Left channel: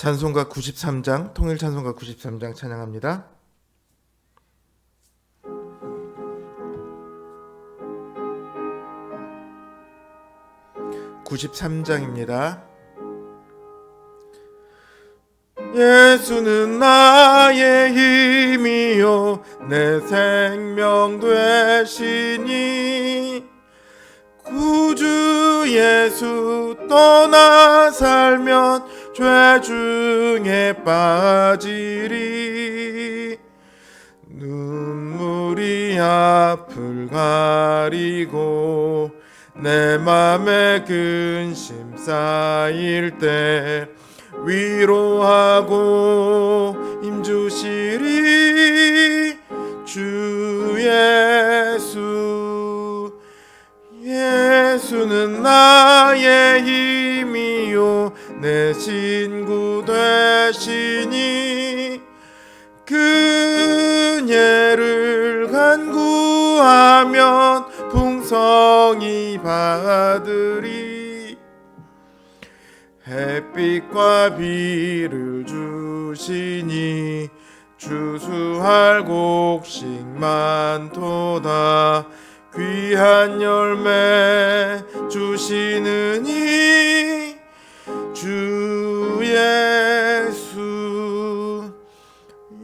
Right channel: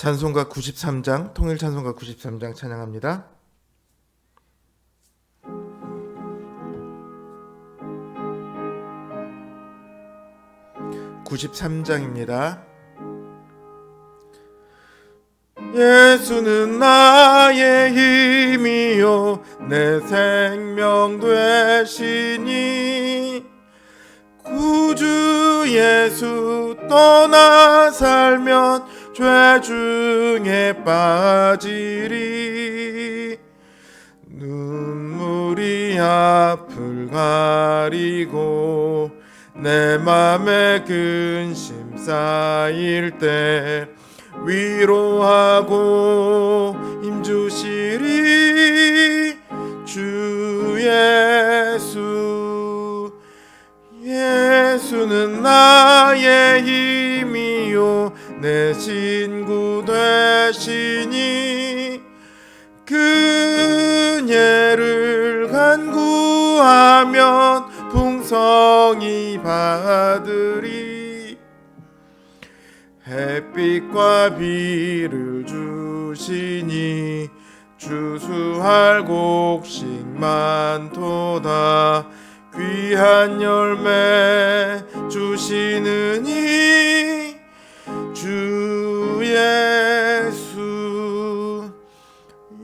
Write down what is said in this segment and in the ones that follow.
찬송가 93장, 통일 찬송가 93장 찬양합니다. 93장입니다. 예수는 나의 힘이요 내 생명 되시니 구주 예수 떠나 살면 죄 중에 빠지리. 눈물이 앞을 가리고 내 맘에 근심 쌓일 때 위로하고 힘주시리. 주 예수, 예수는 나의 힘이요 내 친구 되시니 그녀를 간구하면 풍성히 받으리. 햇빛과 비를 주시니 주수할 곡식 많도다. 귀한 열매 주시느니 주 예수,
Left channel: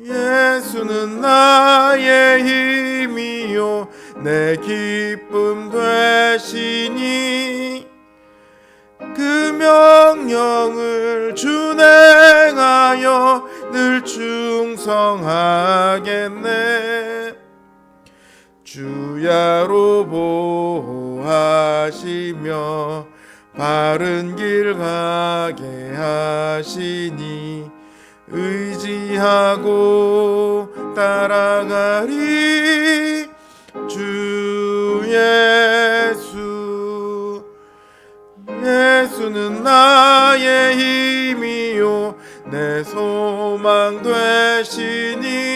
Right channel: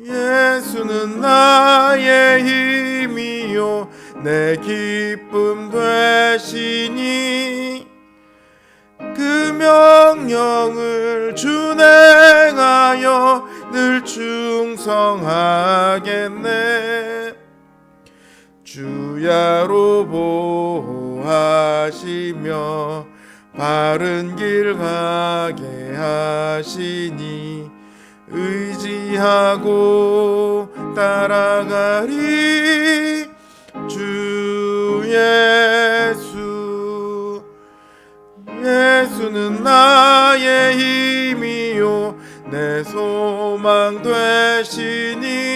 예수는 나의 힘이요 내 기쁨 되시니 그 명령을 준행하여 늘 충성하겠네. 주야로 보호하시며 바른 길 가게 하시니 의지하고 따라가리. 주 예수, 예수는 나의 힘이요 내 소망 되시니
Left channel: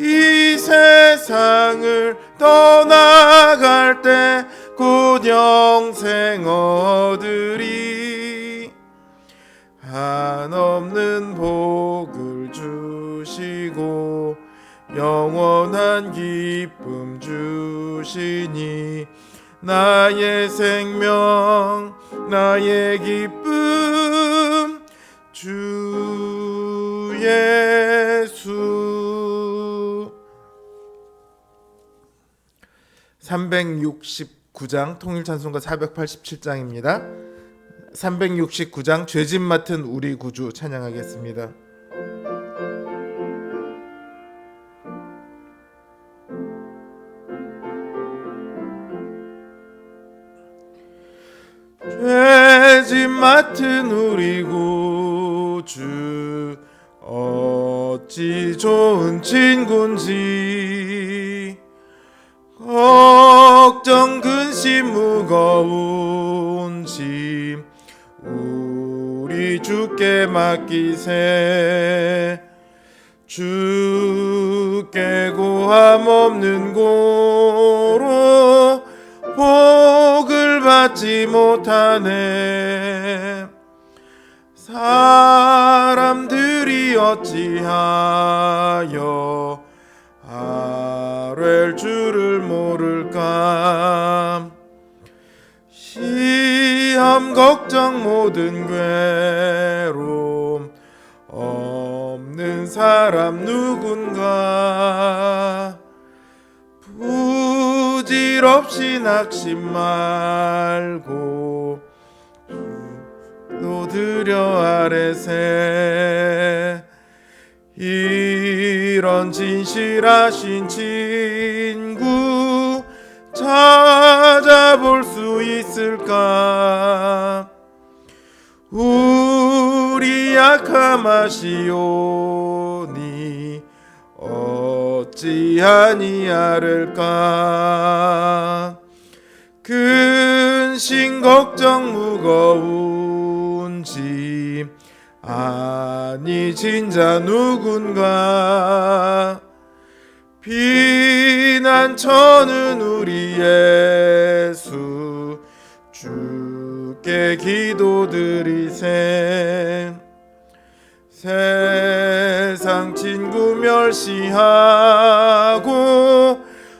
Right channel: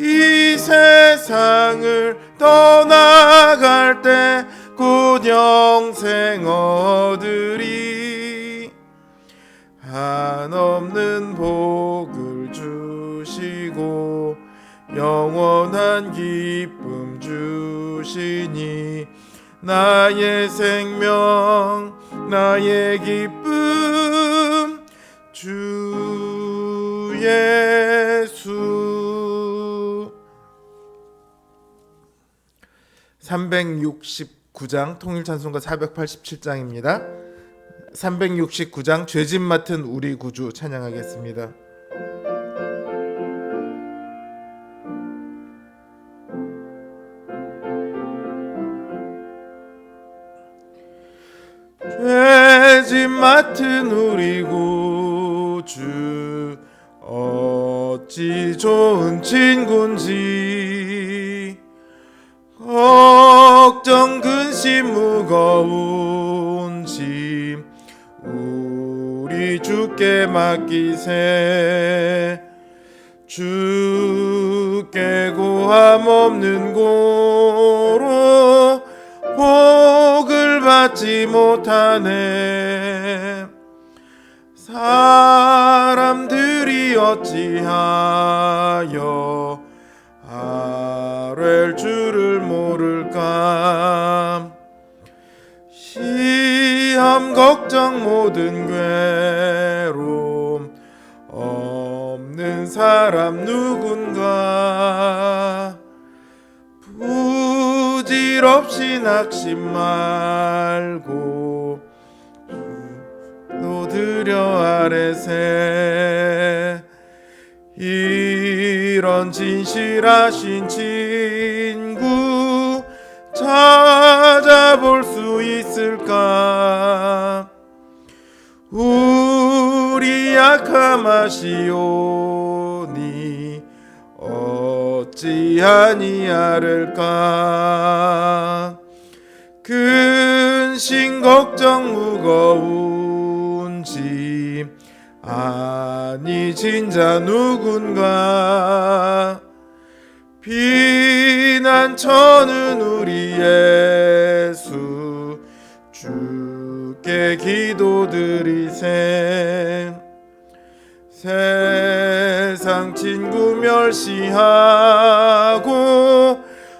이 세상을 떠나갈 때 곧 영생 얻으리. 한없는 복을 주시고 영원한 기쁨 주시니 나의 생명 나의 기쁨 주 예수. 369장 통일찬송가 487장입니다. 369장 죄짐 맡은 우리 구주 찬양하겠습니다. 죄짐 맡은 우리 구주 어찌 좋은 친구인지 걱정 근심 무거운 짐 우리 주께 맡기세. 주께 고함 없는 고로 복을 받지 못하네. 사람들이 어찌하여 아뢰 줄을 모를까. 시험 걱정 모든 괴로움 없는 사람 누군가. 부질없이 낙심 말고 또 드려 아뢰세. 이런 진실하신 친구 찾아볼 수 있을까. 우리 약함 아시오니 어찌하니 아를까. 근심 걱정 무거운 짐 아니 진짜 누군가. 피난처는 우리 예수 주께 기도드리세. 세상 친구 멸시하고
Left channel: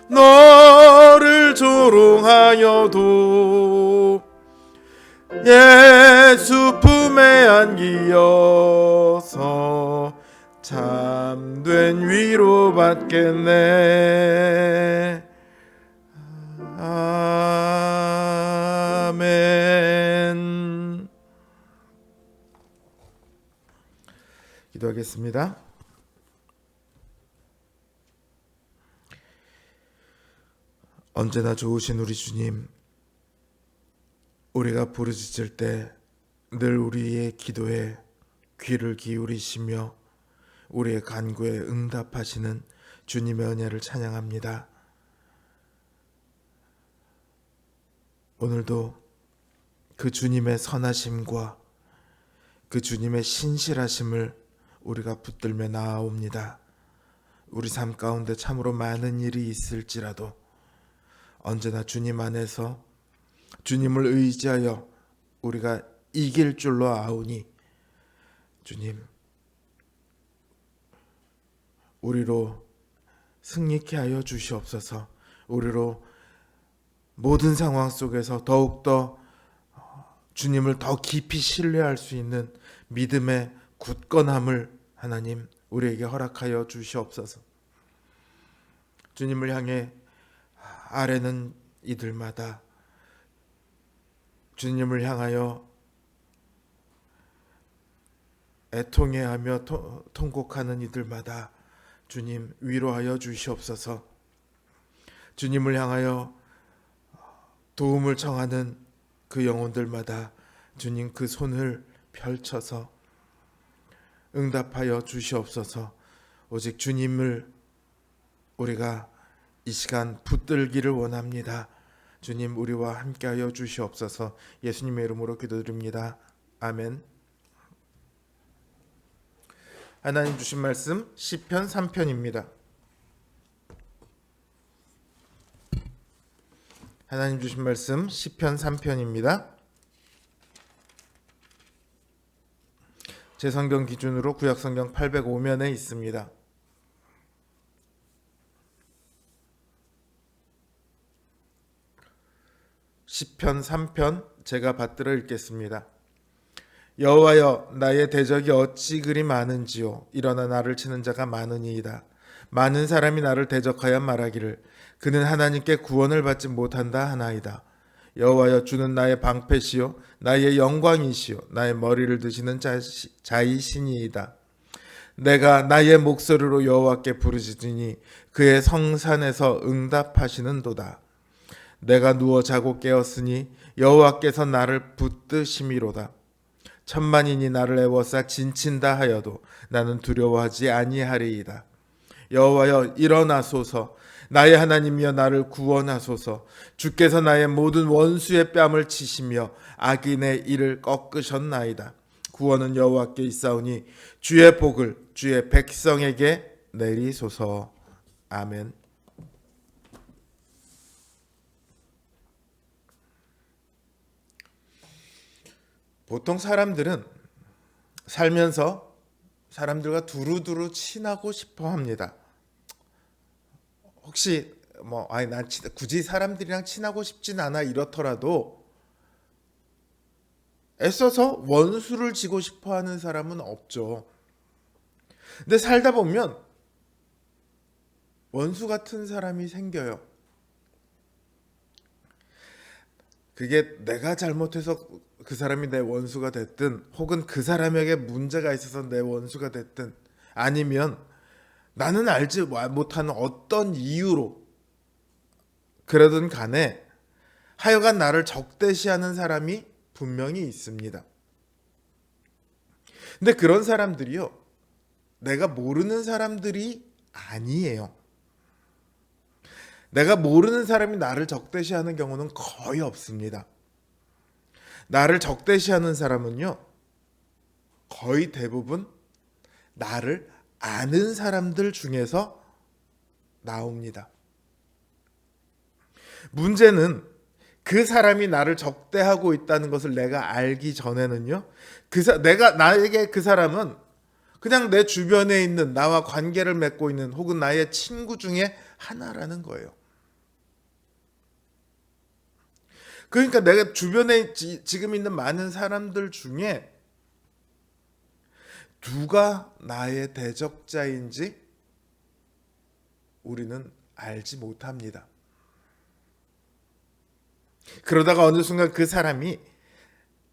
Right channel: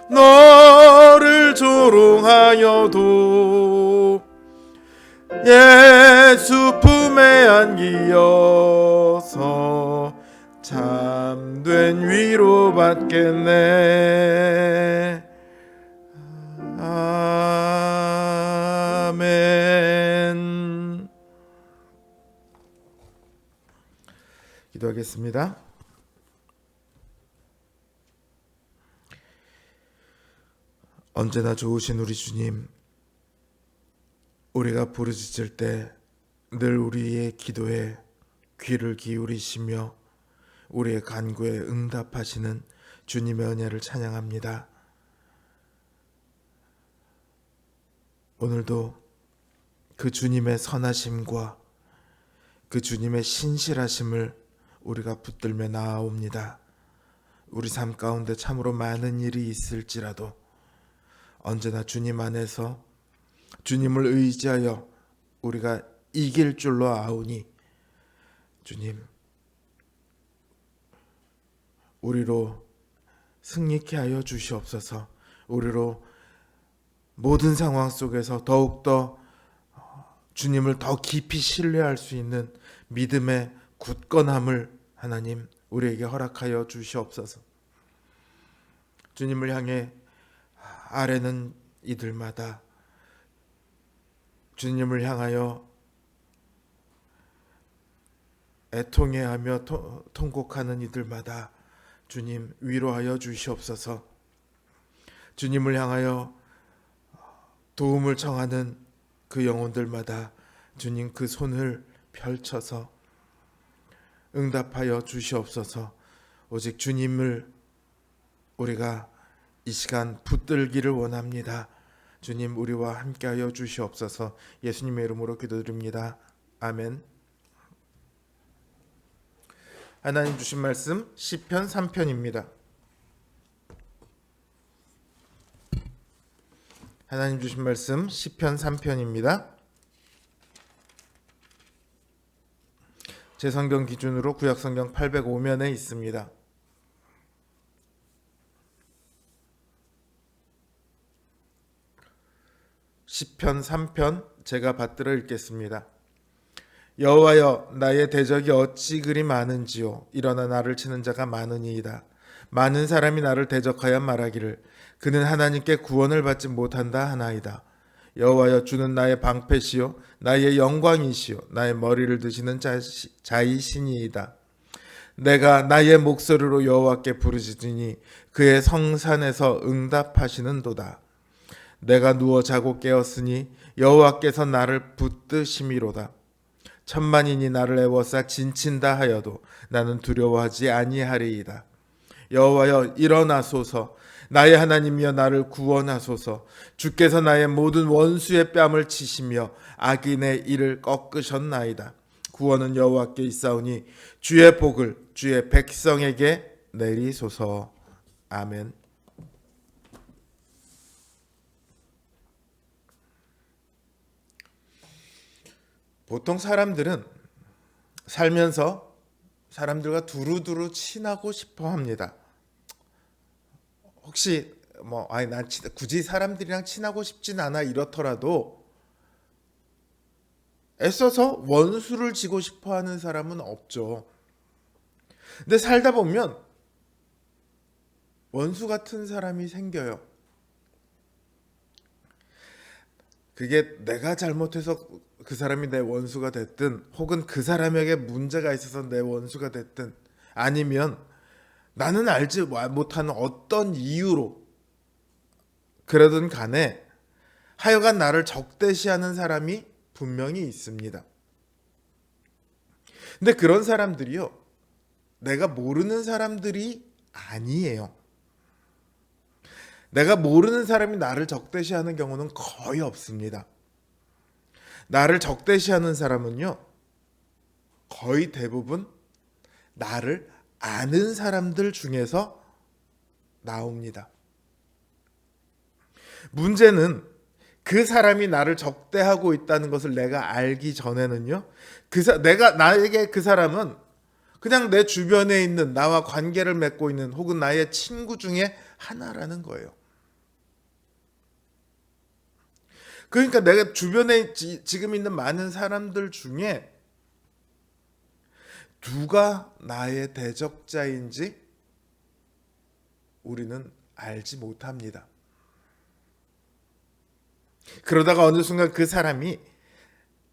너를 조롱하여도 예수 품에 안기어서 참된 위로 받겠네. 아멘. 기도하겠습니다. 언제나 좋으신 우리 주님, 우리가 부르짖을 때 늘 우리의 기도에 귀를 기울이시며 우리의 간구에 응답하시는 주님의 은혜를 찬양합니다. 오늘도 그 주님의 선하심과 그 주님의 신실하심을 우리가 붙들며 나아옵니다. 우리 삶 가운데 참으로 많은 일이 있을지라도 언제나 주님 안에서 주님을 의지하여 우리가 이길 줄로 아오니 주님, 우리로 승리케 하여 주시옵소서. 우리로 모든 상황 속에서 더욱더 주님을 더 깊이 신뢰할 수 있는 믿음의 굳건함을 하나님 우리에게 허락하여 주시옵소서. 주님을 향해 아뢰는 이들마다, 주님을 향하여 애통해하며 통곡하는 이들마다 주님 위로하여 주시옵소서. 주님을 향하여 도움을 청하는 그 영혼들마다 주님 그 손을 펼쳐서 응답하여 주시옵소서. 오직 주님을 우리가 이 시간 붙들기를 원합니다. 주님 우리와 함께하여 주시옵소서. 예수님의 이름으로 기도드립니다. 아멘. 하나님 주신 말씀 시편 3편입니다. 하나님 주신 말씀 시편 3편입니다. 제 성경 기준으로 구약 성경 805면에 있습니다. 시편 3편 제가 받들어 읽겠습니다. 여호와여, 나의 대적이 어찌 그리 많은지요. 일어나 나를 치는 자가 많으니이다. 많은 사람이 나를 대적하여 말하기를 그는 하나님께 구원을 받지 못한다 하나이다. 여호와여, 주는 나의 방패시요 나의 영광이시요 나의 머리를 드시는 자이시니이다. 내가 나의 목소리로 여호와께 부르짖으니 그의 성산에서 응답하시는도다. 내가 누워 자고 깨었으니 여호와께서 나를 붙드심이로다. 천만인이 나를 애워싸 진친다 하여도 나는 두려워하지 아니하리이다. 여호와여, 일어나소서. 나의 하나님이여, 나를 구원하소서. 주께서 나의 모든 원수의 뺨을 치시며 악인의 이를 꺾으셨나이다. 구원은 여호와께 있사오니 주의 복을 주의 백성에게 내리소서. 아멘. 보통 사람들은 살면서 사람들과 두루두루 친하고 싶어 합니다. 혹시 난 굳이 사람들이랑 친하고 싶진 않아 이렇더라도 애써서 원수를 지고 싶어 하는 사람은 없죠. 근데 살다 보면 원수 같은 사람이 생겨요. 그게 내가 잘못해서 그 사람이 내 원수가 됐든, 혹은 그 사람에게 문제가 있어서 내 원수가 됐든, 아니면 나는 알지 못하는 어떤 이유로 그러든 간에 하여간 나를 적대시하는 사람이 분명히 있습니다. 근데 그런 사람들이요, 내가 모르는 사람들이 아니에요. 내가 모르는 사람이 나를 적대시하는 경우는 거의 없습니다. 나를 적대시하는 사람은요, 거의 대부분 나를 아는 사람들 중에서 나옵니다. 문제는 그 사람이 나를 적대하고 있다는 것을 내가 알기 전에는요, 나에게 그 사람은 그냥 내 주변에 있는 나와 관계를 맺고 있는 혹은 나의 친구 중에 하나라는 거예요. 그러니까 내가 주변에 지금 있는 많은 사람들 중에 누가 나의 대적자인지 우리는 알지 못합니다. 그러다가 어느 순간 그 사람이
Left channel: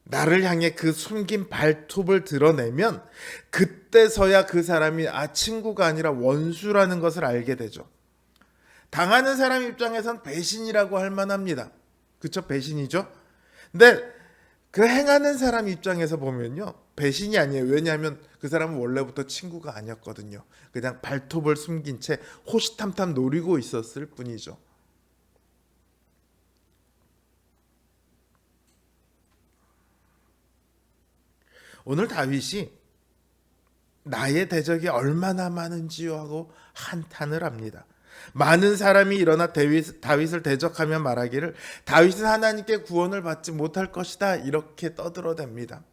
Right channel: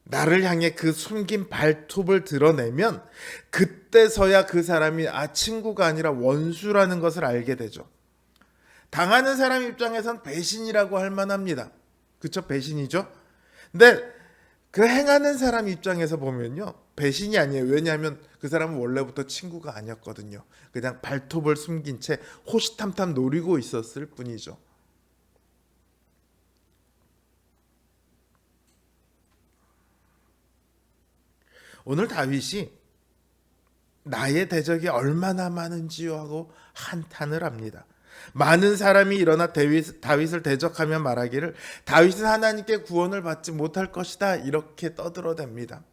나를 향해 그 숨긴 발톱을 드러내면 그때서야 그 사람이 친구가 아니라 원수라는 것을 알게 되죠. 당하는 사람 입장에선 배신이라고 할 만합니다. 그쵸? 배신이죠. 근데 그 행하는 사람 입장에서 보면요, 배신이 아니에요. 왜냐하면 그 사람은 원래부터 친구가 아니었거든요. 그냥 발톱을 숨긴 채 호시탐탐 노리고 있었을 뿐이죠. 오늘 다윗이 나의 대적이 얼마나 많은지요 하고 한탄을 합니다. 많은 사람이 일어나 다윗을 대적하며 말하기를 다윗은 하나님께 구원을 받지 못할 것이다 이렇게 떠들어댑니다.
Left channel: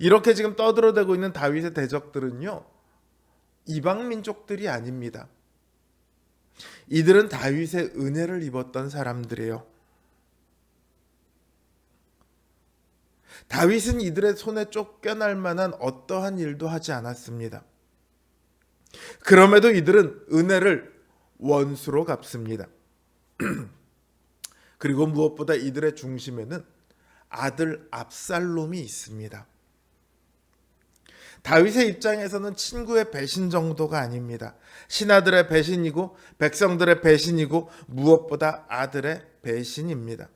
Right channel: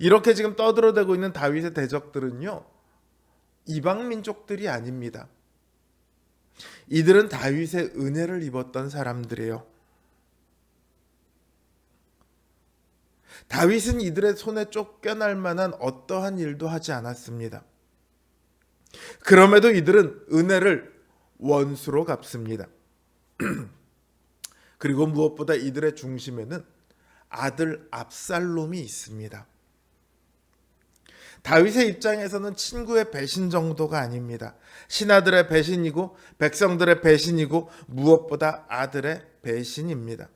이렇게 지금 떠들어대고 있는 다윗의 대적들은요, 이방 민족들이 아닙니다. 이들은 다윗의 은혜를 입었던 사람들이에요. 다윗은 이들의 손에 쫓겨날 만한 어떠한 일도 하지 않았습니다. 그럼에도 이들은 은혜를 원수로 갚습니다. 그리고 무엇보다 이들의 중심에는 아들 압살롬이 있습니다. 다윗의 입장에서는 친구의 배신 정도가 아닙니다. 신하들의 배신이고 백성들의 배신이고 무엇보다 아들의 배신입니다.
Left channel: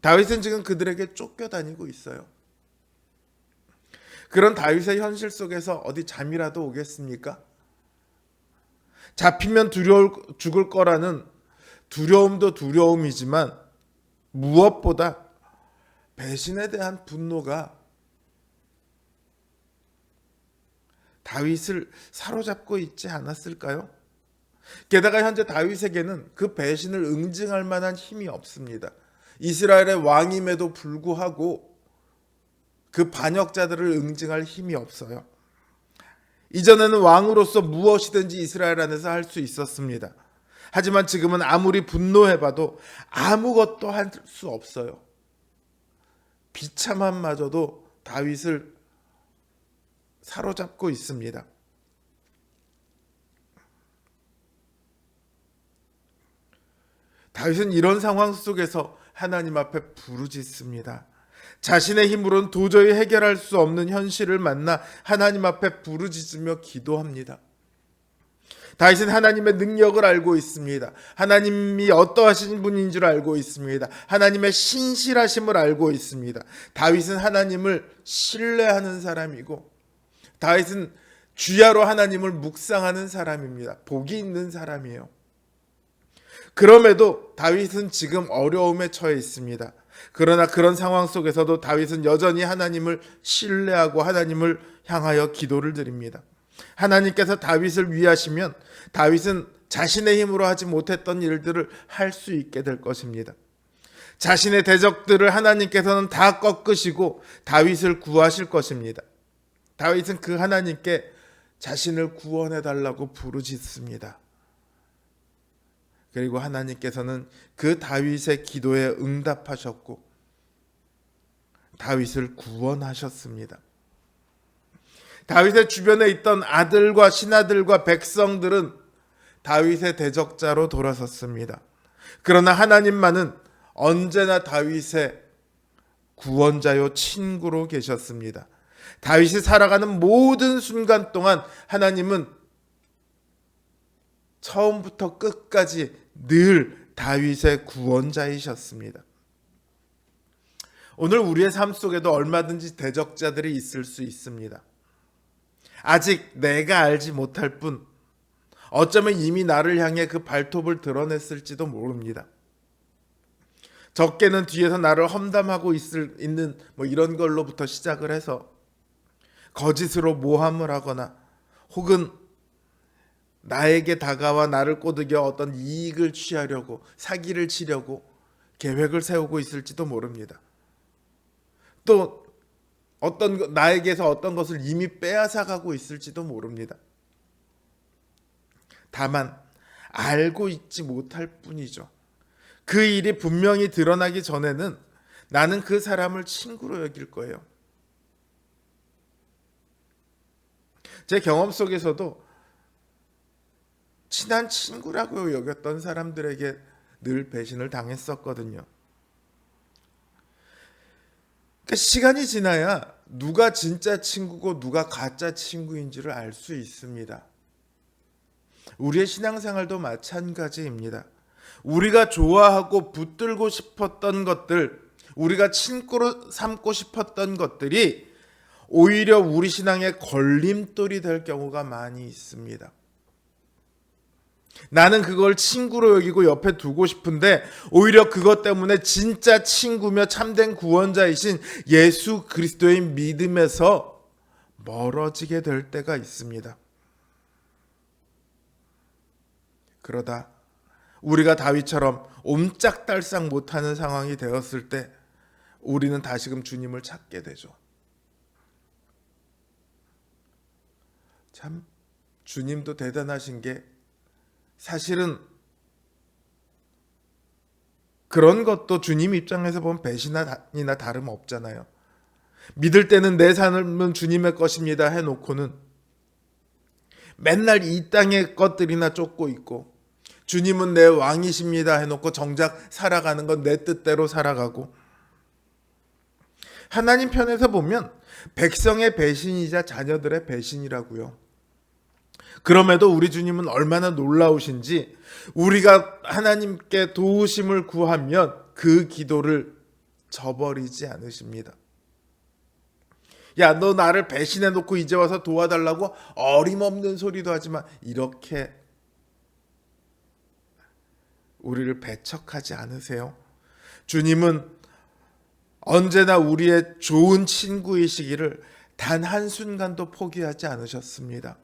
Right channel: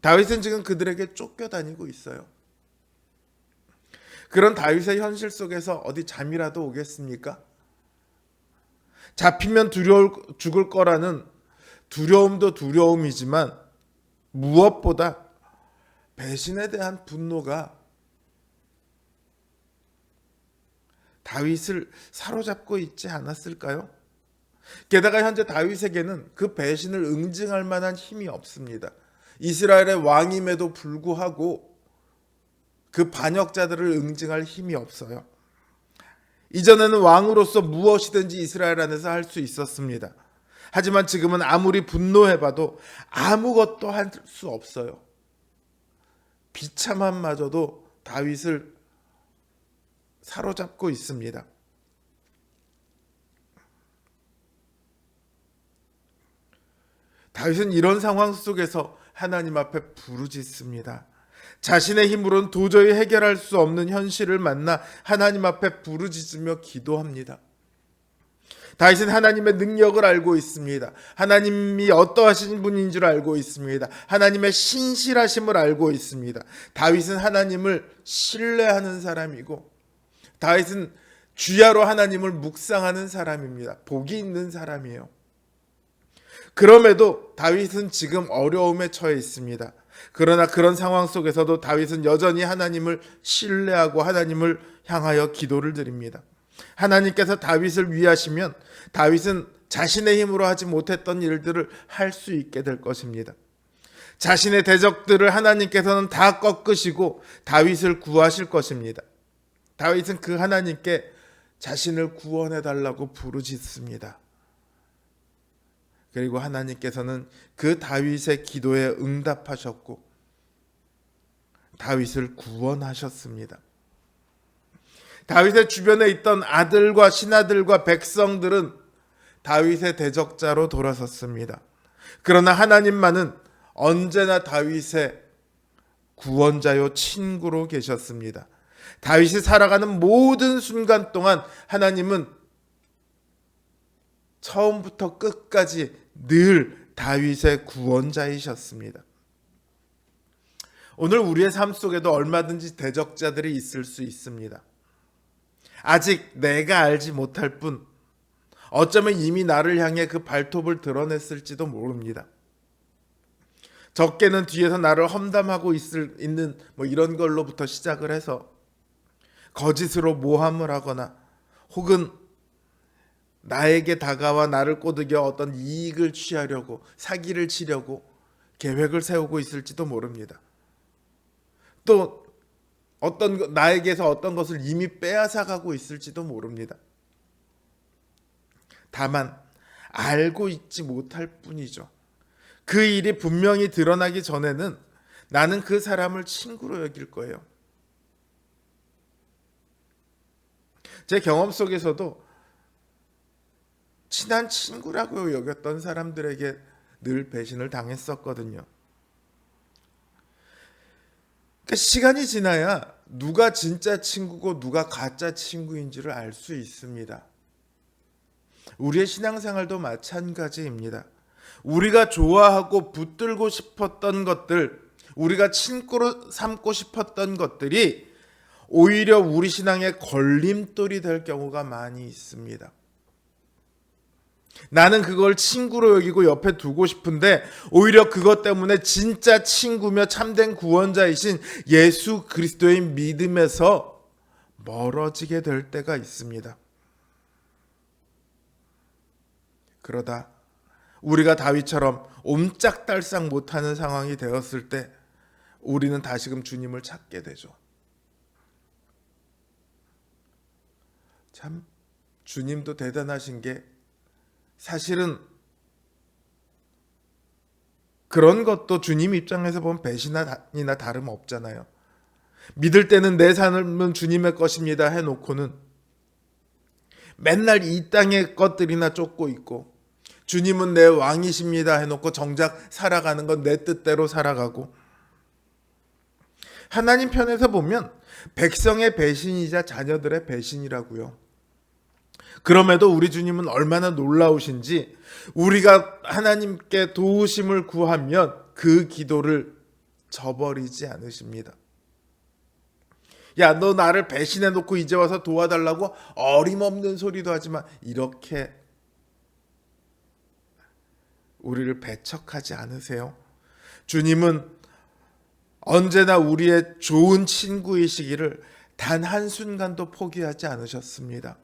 다윗은 지금 그들에게 쫓겨다니고 있어요. 그런 다윗의 현실 속에서 어디 잠이라도 오겠습니까? 잡히면 죽을 거라는 두려움도 두려움이지만 무엇보다 배신에 대한 분노가 다윗을 사로잡고 있지 않았을까요? 게다가 현재 다윗에게는 그 배신을 응징할 만한 힘이 없습니다. 이스라엘의 왕임에도 불구하고 그 반역자들을 응징할 힘이 없어요. 이전에는 왕으로서 무엇이든지 이스라엘 안에서 할 수 있었습니다. 하지만 지금은 아무리 분노해봐도 아무것도 할 수 없어요. 비참함마저도 다윗을 사로잡고 있습니다. 다윗은 이런 상황 속에서 하나님 앞에 부르짖습니다. 자신의 힘으로는 도저히 해결할 수 없는 현실을 만나 하나님 앞에 부르짖으며 기도합니다. 다윗은 하나님의 능력을 알고 있습니다. 하나님이 어떠하신 분인 줄 알고 있습니다. 하나님의 신실하심을 알고 있습니다. 다윗은 하나님을 신뢰하는 사람이고 다윗은 주야로 하나님을 묵상하는 사람입니다. 복이 있는 사람이에요. 그럼에도 다윗은 지금 어려움에 처해 있습니다. 그러나 그런 상황 속에서도 다윗은 여전히 하나님을 신뢰하고 하나님을 향하여 기도를 드립니다. 하나님께서 다윗을 위하시면 다윗은 자신의 힘으로 하지 못했던 일들을 할 수 있게 될 것입니다. 자신의 대적들을 하나님께서는 다 꺾으시고 다윗을 구하실 것입니다. 다윗은 그 하나님께 자신을 구원해 달라고 부르짖습니다. 그리고 하나님께서는 그 다윗의 기도에 응답하셨고 다윗을 구원하셨습니다. 다윗의 주변에 있던 아들과 신하들과 백성들은 다윗의 대적자로 돌아섰습니다. 그러나 하나님만은 언제나 다윗의 구원자요 친구로 계셨습니다. 다윗이 살아가는 모든 순간 동안 하나님은 처음부터 끝까지 늘 다윗의 구원자이셨습니다. 오늘 우리의 삶 속에도 얼마든지 대적자들이 있을 수 있습니다. 아직 내가 알지 못할 뿐 어쩌면 이미 나를 향해 그 발톱을 드러냈을지도 모릅니다. 적게는 뒤에서 나를 험담하고 있는 이런 걸로부터 시작을 해서 거짓으로 모함을 하거나 혹은 나에게 다가와 나를 꼬드겨 어떤 이익을 취하려고 사기를 치려고 계획을 세우고 있을지도 모릅니다. 또 나에게서 어떤 것을 이미 빼앗아가고 있을지도 모릅니다. 다만 알고 있지 못할 뿐이죠. 그 일이 분명히 드러나기 전에는 나는 그 사람을 친구로 여길 거예요. 제 경험 속에서도 친한 친구라고 여겼던 사람들에게 늘 배신을 당했었거든요. 그러니까 시간이 지나야 누가 진짜 친구고 누가 가짜 친구인지를 알 수 있습니다. 우리의 신앙생활도 마찬가지입니다. 우리가 좋아하고 붙들고 싶었던 것들, 우리가 친구로 삼고 싶었던 것들이 오히려 우리 신앙의 걸림돌이 될 경우가 많이 있습니다. 나는 그걸 친구로 여기고 옆에 두고 싶은데 오히려 그것 때문에 진짜 친구며 참된 구원자이신 예수 그리스도의 믿음에서 멀어지게 될 때가 있습니다. 그러다 우리가 다윗처럼 옴짝달싹 못하는 상황이 되었을 때 우리는 다시금 주님을 찾게 되죠. 참 주님도 대단하신 게 사실은 그런 것도 주님 입장에서 보면 배신이나 다름없잖아요. 믿을 때는 내 삶은 주님의 것입니다 해놓고는 맨날 이 땅의 것들이나 쫓고 있고, 주님은 내 왕이십니다 해놓고 정작 살아가는 건 내 뜻대로 살아가고, 하나님 편에서 보면 백성의 배신이자 자녀들의 배신이라고요. 그럼에도 우리 주님은 얼마나 놀라우신지 우리가 하나님께 도우심을 구하면 그 기도를 저버리지 않으십니다. 야, 너 나를 배신해놓고 이제 와서 도와달라고 어림없는 소리도 하지만 이렇게 우리를 배척하지 않으세요. 주님은 언제나 우리의 좋은 친구이시기를 단 한순간도 포기하지 않으셨습니다.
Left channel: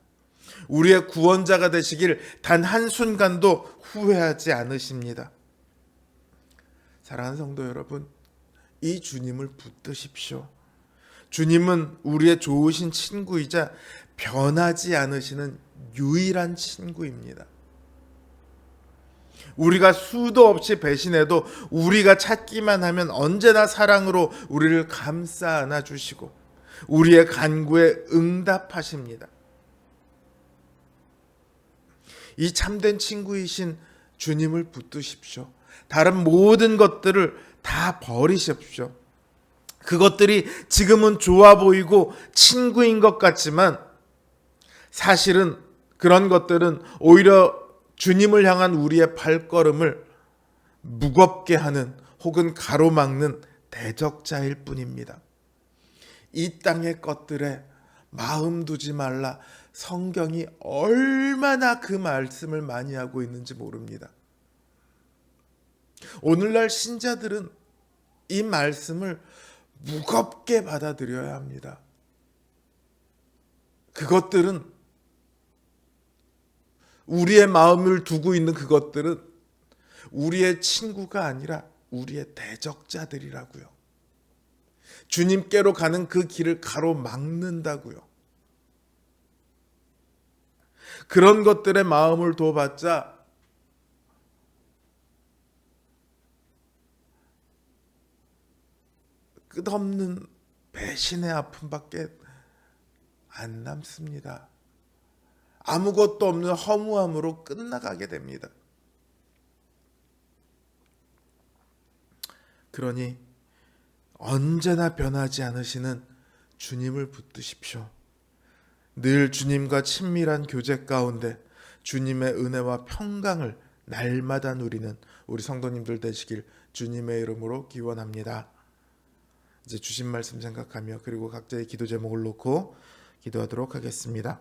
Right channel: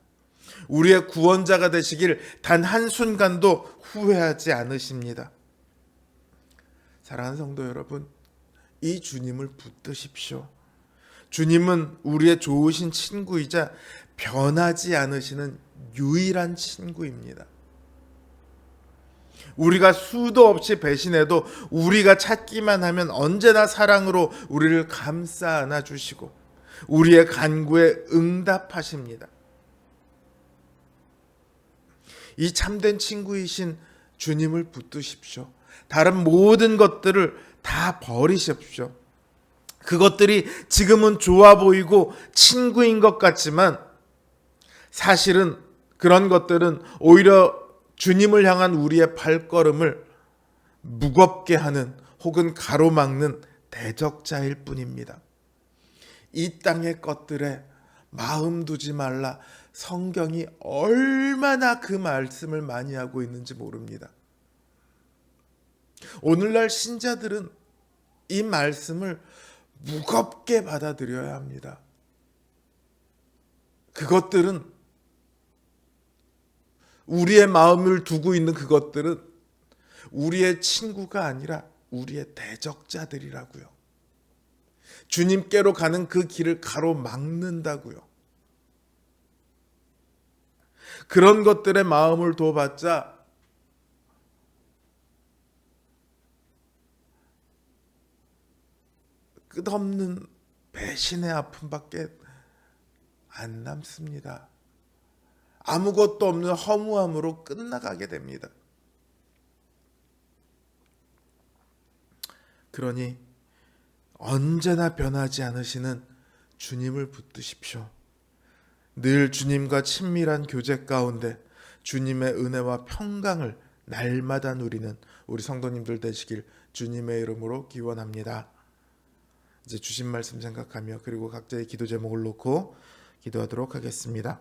우리의 구원자가 되시길 단 한순간도 후회하지 않으십니다. 사랑하는 성도 여러분, 이 주님을 붙드십시오. 주님은 우리의 좋으신 친구이자 변하지 않으시는 유일한 친구입니다. 우리가 수도 없이 배신해도 우리가 찾기만 하면 언제나 사랑으로 우리를 감싸 안아주시고 우리의 간구에 응답하십니다. 이 참된 친구이신 주님을 붙드십시오. 다른 모든 것들을 다 버리십시오. 그것들이 지금은 좋아 보이고 친구인 것 같지만 사실은 그런 것들은 오히려 주님을 향한 우리의 발걸음을 무겁게 하는 혹은 가로막는 대적자일 뿐입니다. 이 땅의 것들에 마음 두지 말라. 성경이 얼마나 그 말씀을 많이 하고 있는지 모릅니다. 오늘날 신자들은 이 말씀을 무겁게 받아들여야 합니다. 그것들은 우리의 마음을 두고 있는 그것들은 우리의 친구가 아니라 우리의 대적자들이라고요. 주님께로 가는 그 길을 가로막는다고요. 그런 것들의 마음을 둬봤자 끝없는 배신의 아픔밖에 안 남습니다. 아무것도 없는 허무함으로 끝나가게 됩니다. 그러니 언제나 변하지 않으시는 주님을 붙드십시오. 늘 주님과 친밀한 교제 가운데 주님의 은혜와 평강을 날마다 누리는 우리 성도님들 되시길 주님의 이름으로 기원합니다. 이제 주신 말씀 생각하며 그리고 각자의 기도 제목을 놓고 기도하도록 하겠습니다.